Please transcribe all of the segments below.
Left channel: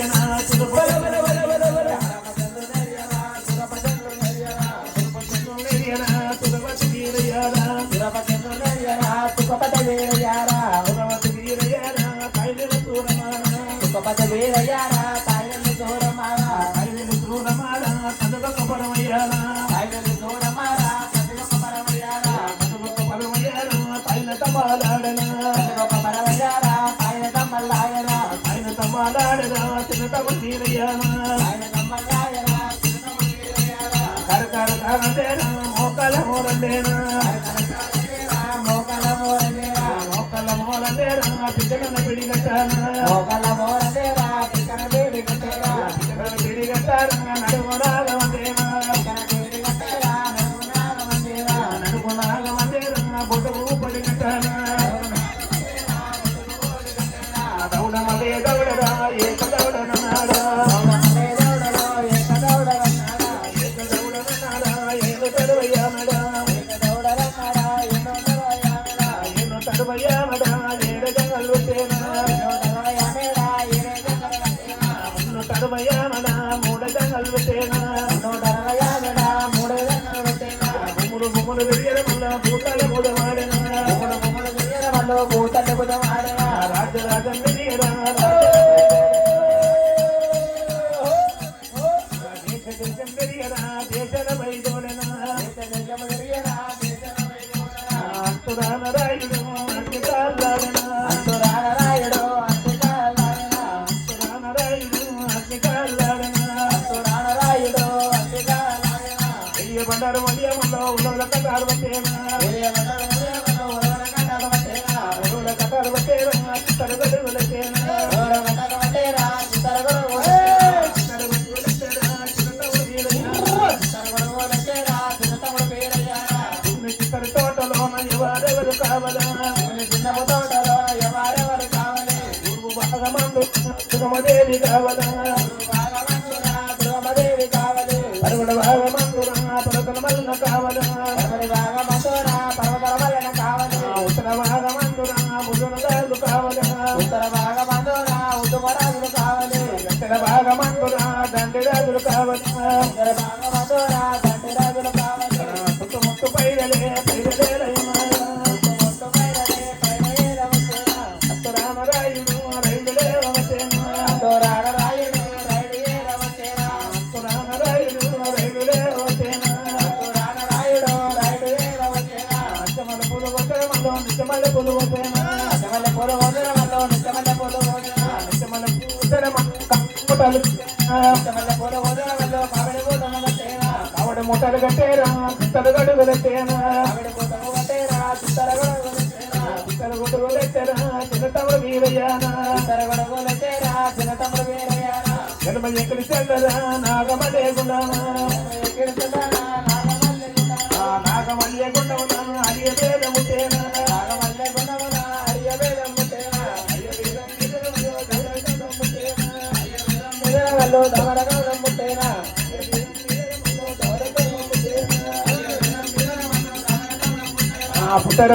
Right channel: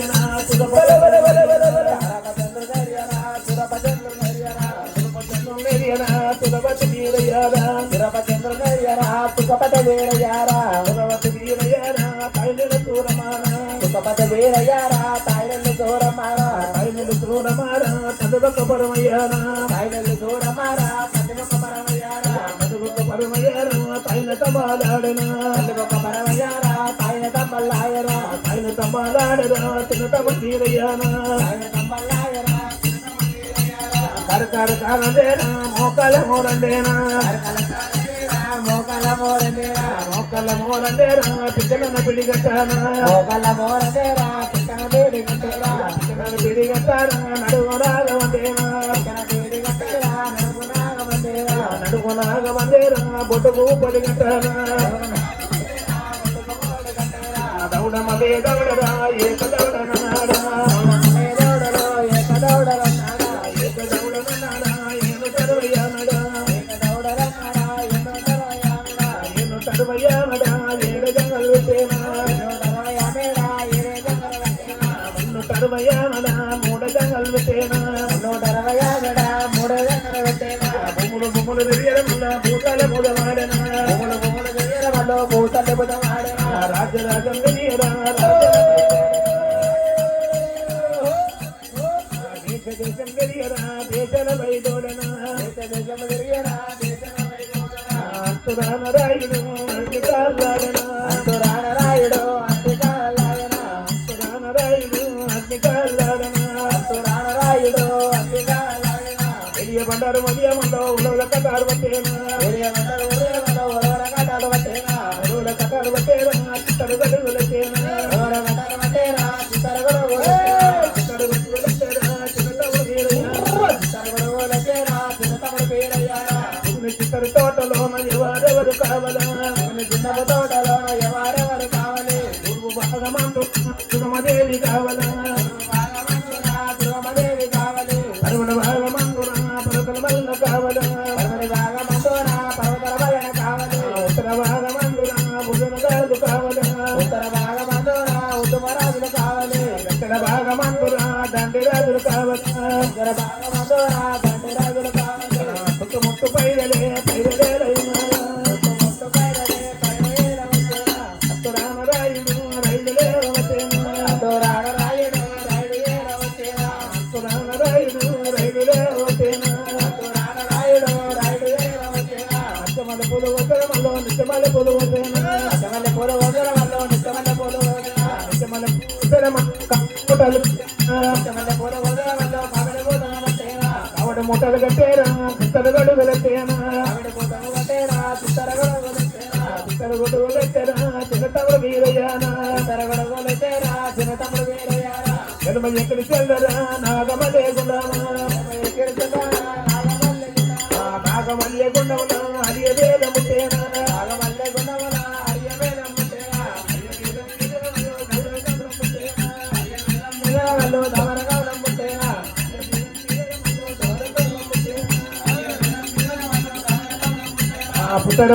to the తాయిలు దూరమారా ఆయన చూడమారా కనుగొక పరమయ్యారా తాయిలు దూరమారా కదులుక పరమయ్యారా కనుగొక పరమయ్యారా తైల తమాలాడనా కదులుక పరమయ్యారా తాయిల తమ్మల్లాయరా ఆయన తమాలాడరా తినతమ తీరయ్యానా తాయిల తమ్మల్లాయరా చిన్నమ్మ వీరయ్యారా కరకర కరలేనా మోకాల మోలండేనా మోకల మోరనేరా మోకాల మోలండేరా పిచ్చగన పిడిగట్టానా మోకల మోరనేరా పికన వీరి కట్టేరా పిడిగట్టానా నడువునాగ వందేనా కట్టేరా నడునాగ వందేరా నడుము నాగవందేరా బొట్టుకు పడిగట్టానా దౌడమలే దౌడరా ఏక దౌడననాడా ఏదోడలో ఏకదోడలన్నాడా ఏక దౌడననాడా ఏక దౌడయ్యానడా ఏకదోడలన్నాడా ఏకదోడలన్నాడా నేను తడుమయ్యానడా ఏడ జంగలు తేనా ఏకదోడలన్నాడా ఏకదోడలన్నాడా నిన్ను తడుమయ్యానడా మూడ జంగలు తేనా నూటరవయాలడా మూడేళ్ళకల పెట్టేవా భూములు భూములు వెరియరముల భూకాల కూడా వాడనా మూడు మూడు వీరవలో మూతలు బుధవాడనా రాజరాజం వినీరా దేశ దేశం వెరియరా దేశల వైదవలనా దేశము తిరిగేరా దేశము ಬಂಡಾರ ಮಡಿಯ ఆ పుట్టడు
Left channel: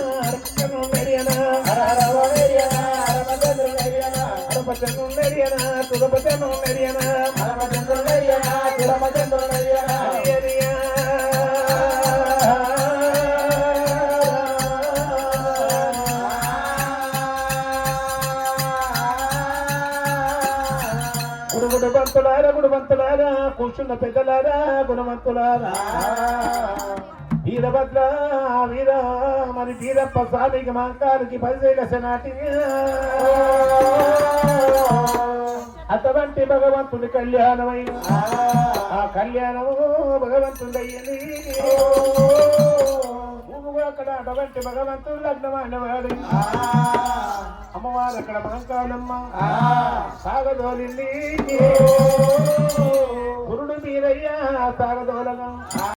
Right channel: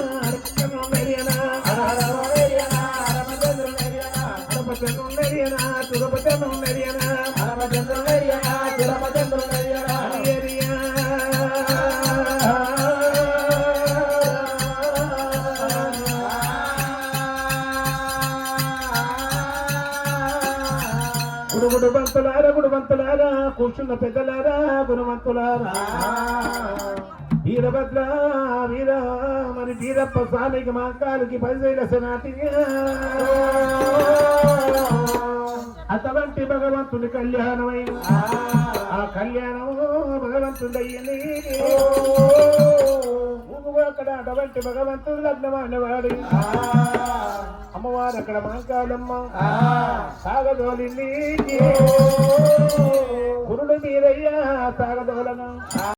బంతులారా గుణవంతులారా కూర్చున్న పెద్దలారా గుణవంతులారా. వీరభద్ర వీర మరి వీరప్ప సాలికి మంకాలకి పదివేల నాటి అటువంటి భగవంతుని కళ్యాణమై. ఆ కళ్యాణం భగవంతుడయ్యని అక్కడ అటువంటి భగవంతుడు లగ్నమైన వారి అమ్మవారు ఇక్కడ మంకాలమ్మ సాగదోలింది గురుడు మీరయ్యా సాగద